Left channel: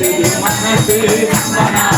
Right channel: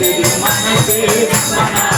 வேண்டுது மனசு மனாலா உன்னை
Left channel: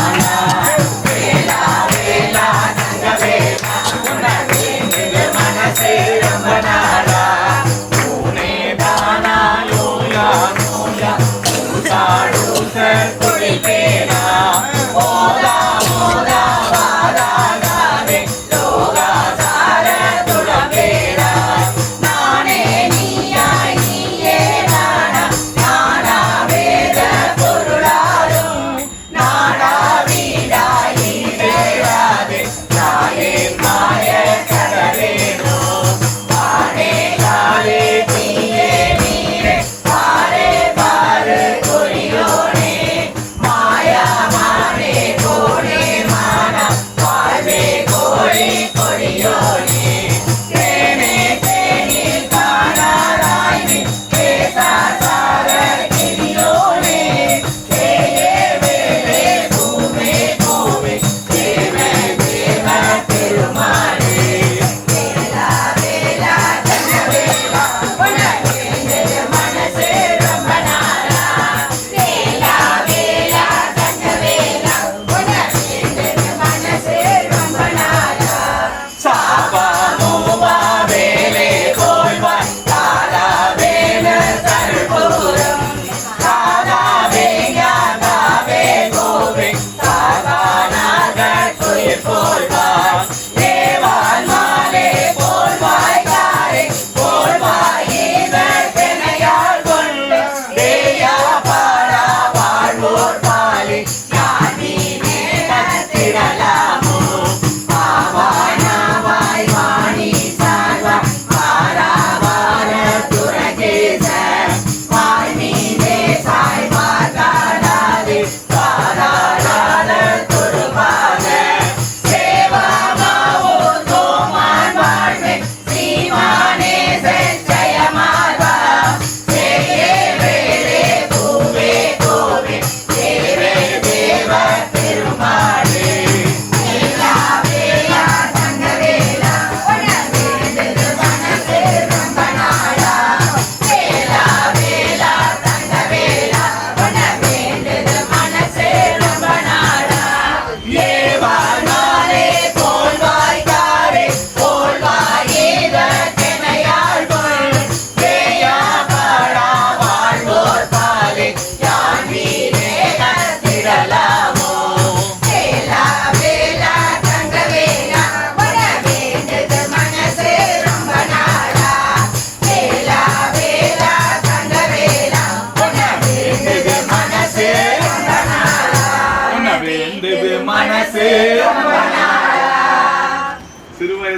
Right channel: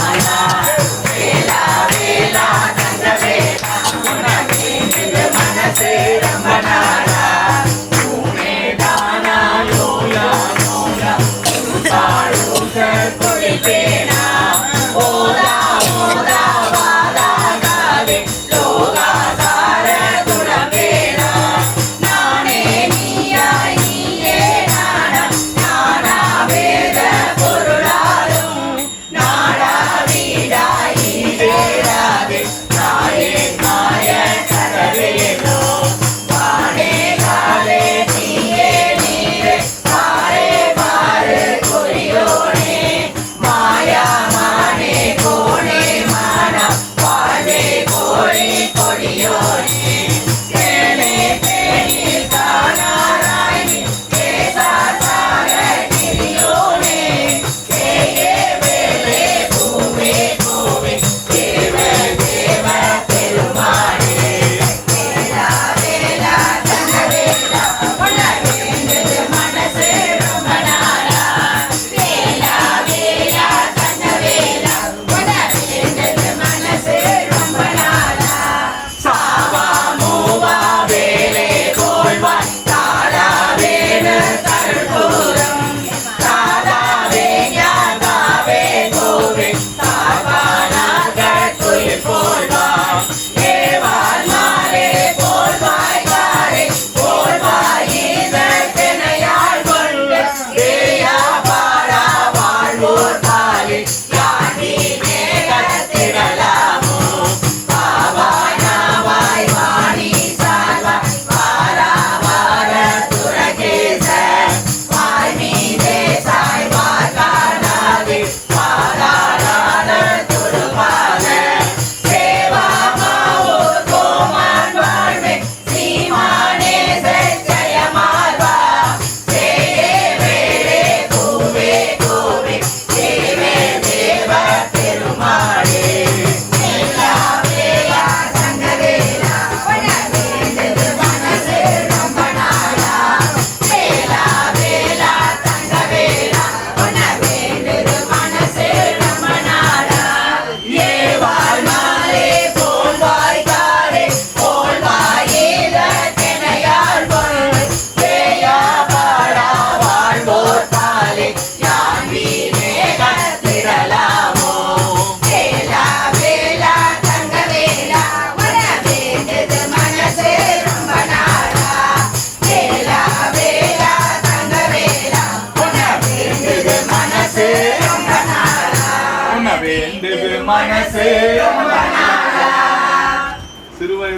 வேண்டுது மனசு. சிறுவயது